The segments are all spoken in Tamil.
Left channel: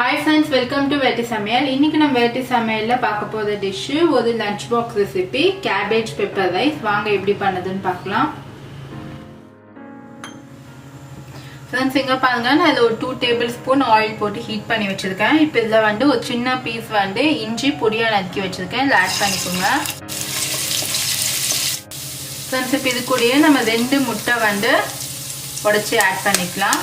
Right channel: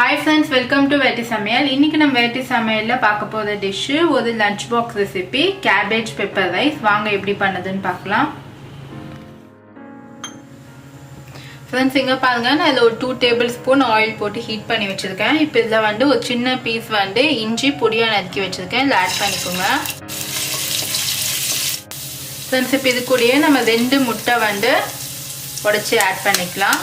Hi friends, welcome to Veti Samayal. இன்னைக்கு நம்ம Veti Samayalல பார்க்க போற டிஷ் ஒரு lunch box recipe cabbage pepper rice. வாங்க எப்படி பண்ணதுன்னு பார்க்கலாம். Friends, இங்க பாருங்க நான் இதுல ஒரு 2 tablespoon oil போட்டு ஹீட் பண்ணி வச்சிருக்கேன். இப்போ இதுல வந்து ஒரு சின்ன பீஸ் வந்து இஞ்சி பொடியா நறுக்கி வச்சிருக்கேன். இத ஆட் பண்ணிக்கோங்க. Friends, இப்போ இது கூடயே நம்ம 2 முட்டை வந்து உடைச்சு ஆட் பண்ணிக்கலாம்.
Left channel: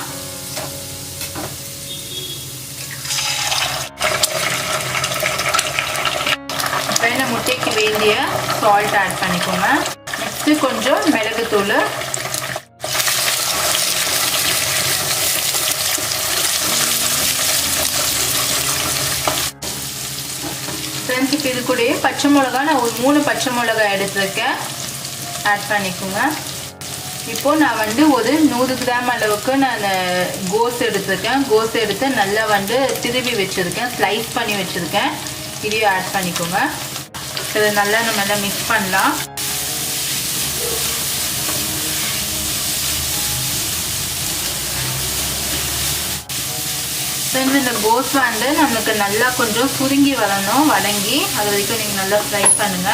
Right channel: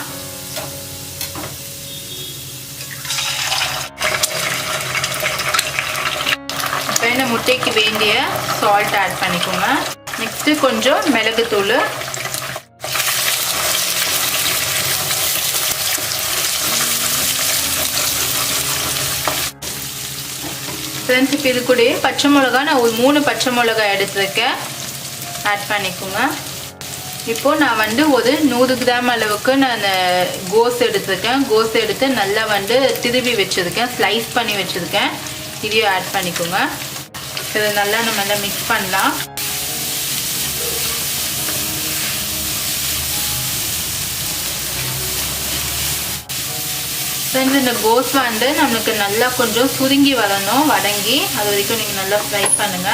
முட்டைக்கு வேண்டிய சால்ட் ஆட் பண்ணிக்கோங்க. நெக்ஸ்ட் கொஞ்சம் மிளகுத்தூள், ஃப்ரெண்ட்ஸ் இப்போ இது கூட பச்சை மிளகா நான் ஒரு 3 பச்சை மிளகாய் எடுத்துருக்கேன், ஆட் பண்ணிக்கோங்க. இப்போ நான் வந்து ஒரு 100 கிராம் அளவுக்கு நான் கோஸ் எடுத்துருக்கேன். கோஸ் எடுத்து நல்லா வந்து திருவி வச்சிருக்கேன், ஸ்லைஸ் பண்ணி வச்சிருக்கேன். இதையும் ஆட் பண்ணிக்கோங்க. இதை நல்லா நம்ம நல்லா மிக்ஸ் பண்ணலாம். இந்த கோஸ் வந்து நம்மளுக்கு நல்லா கொஞ்சம் சுருங்கி வரணும், வதங்கி அது வரைக்கும் நீங்க நல்லா ஃப்ரை பண்ணுங்க.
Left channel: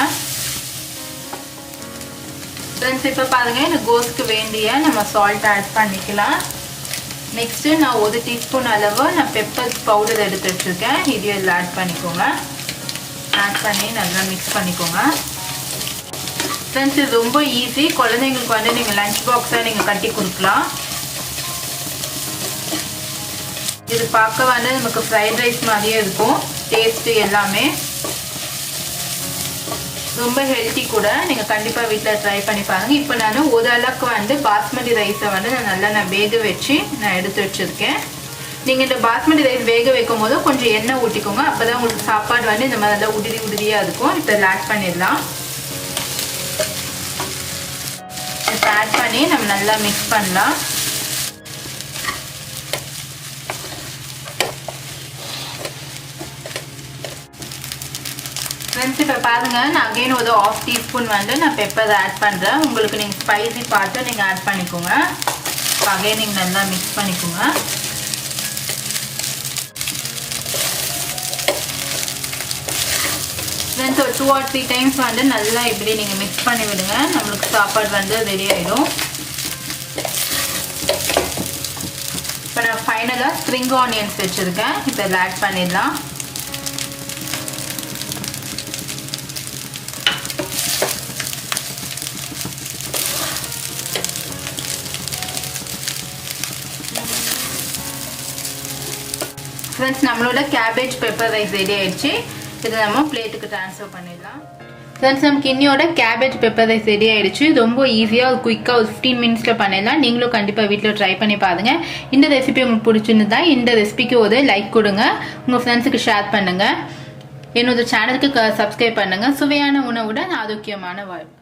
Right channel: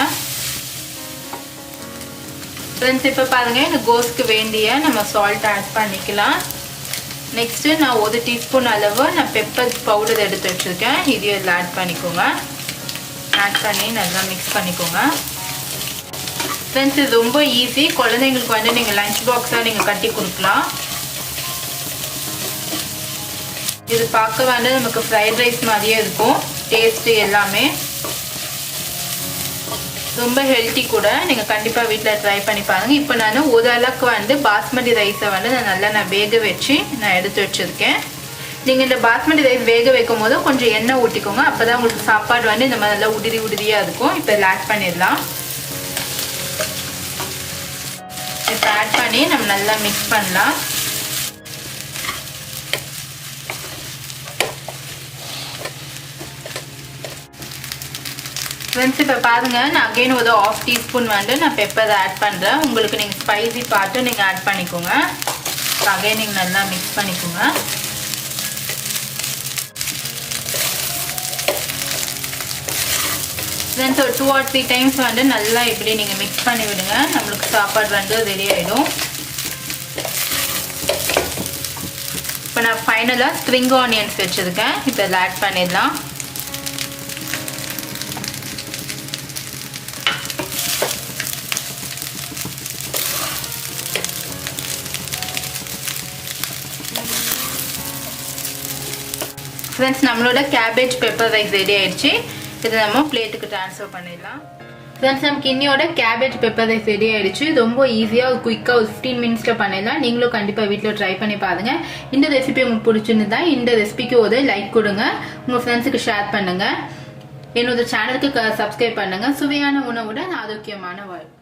ஃப்ரெண்ட்ஸ் இப்போ பாருங்க, இந்த கோஸ்க்கு வேண்டிய நம்ம சால்ட் ஆட் பண்ணிக்கலாம். நெக்ஸ்ட் நான் 1 டீஸ்பூன் அளவு நான் பெப்பர் பவுடர் எடுத்து வச்சிருக்கேன். இதையும் இதில் ஆட் பண்ணிக்கோங்க. ஆட் பண்ணி நல்லா மிக்ஸ் பண்ணிக்கோங்க. ஃப்ரெண்ட்ஸ் இது ரொம்ப ஈஸி, குழந்தைங்களுக்கு வந்து நீங்கள் லஞ்ச் பாக்ஸாக நீங்கள் கட்டி கொடுக்கலாம். இது பார்க்க வந்து நமக்கு ஃப்ரைட் ரைஸ் மாதிரியே இருக்கும், டேஸ்ட்டு எல்லாமே ரொம்ப ஹெல்த்தி கூட. நீங்கள் கண்டிப்பாக வீட்டில் ட்ரை பண்ணி பாருங்கள். இப்போ நான் ஒரு அளவுக்கு வந்து பாஸ்மதி ரைஸை வந்து நான் வேக வச்சு நான் எடுத்து வச்சுருக்கேன். நீங்கள் இந்த பாஸ்மதி ரைஸ் வேக வைக்கும் போது கொஞ்சம் எண்ணெய் ஊற்றிக்கோங்க, அப்போ தான் உங்களுக்கு சாப்பாடு வந்து இந்த மாதிரி நல்லா உதிரியாக இருக்கும். இப்போ இதில் ஆட் பண்ணிடலாம். இப்போ ஆட் பண்ணி நம்ம நல்லா மிக்ஸ் பண்ணலாம். ஃப்ரெண்ட்ஸ் இப்போ பாருங்க, நான் அகைன் ஒரு 1/2 டீஸ்பூன் வந்து நான் பெப்பர் ஆட் பண்ணுறேன். உங்களுக்கு நீங்கள் ஸ்பைசி பார்த்து நீங்கள் ஆட் பண்ணிக்கோங்க. அகைன் நீங்கள் நல்லா மிக்ஸ் பண்ணிக்கோங்க. ஃப்ரெண்ட்ஸ் ஒரு 2 or 3 டைம்ஸ் வந்து நல்லா இப்படி நீங்கள் மிக்ஸ் பண்ணி விடுங்க, நம்மளுக்கு சாப்பாடு வந்து ரெடி ஆகிடும். இப்போ நான் ஃபைனலாக ஸ்ப்ரிங் ஆனியன்ஸ் வச்சுருக்கேன், இப்போ இதில் ஆட் பண்ணிடலாம். ஃப்ரெண்ட்ஸ் நம்மளோட கேபேஜ் பெப்பர் ரைஸ் ரெடி ஆயிடுச்சு. இதை நம்ம பிளேட்டுக்கு ட்ரான்ஸ்ஃபர் பண்ணிடலாம். ஃப்ரெண்ட்ஸ் நமக்கு இன்னையோட கேபேஜ் பெப்பர் ரைஸ் ரெடி ஆயிடுச்சு. ரொம்ப ஈஸியாக குயிக்காக ஒரு 15 மினிட்ஸில் பண்ணிடலாம். நீங்களும் கண்டிப்பாக வீட்டில் ட்ரை பண்ணி பாருங்க. இந்த ரெசிபி உங்களுக்கு பிடிச்சிருந்தா இந்த ரெசிபிக்கு ஒரு லைக் கொடுங்க, உங்கள் ஃப்ரெண்ட்ஸுக்கு ஷேர் பண்ணுங்க, என்னோட சேனலுக்கு சப்ஸ்கிரைப் பண்ணுங்க. சுவையான உணவுடன் ஆரோக்கியமான வாழ்க்கை.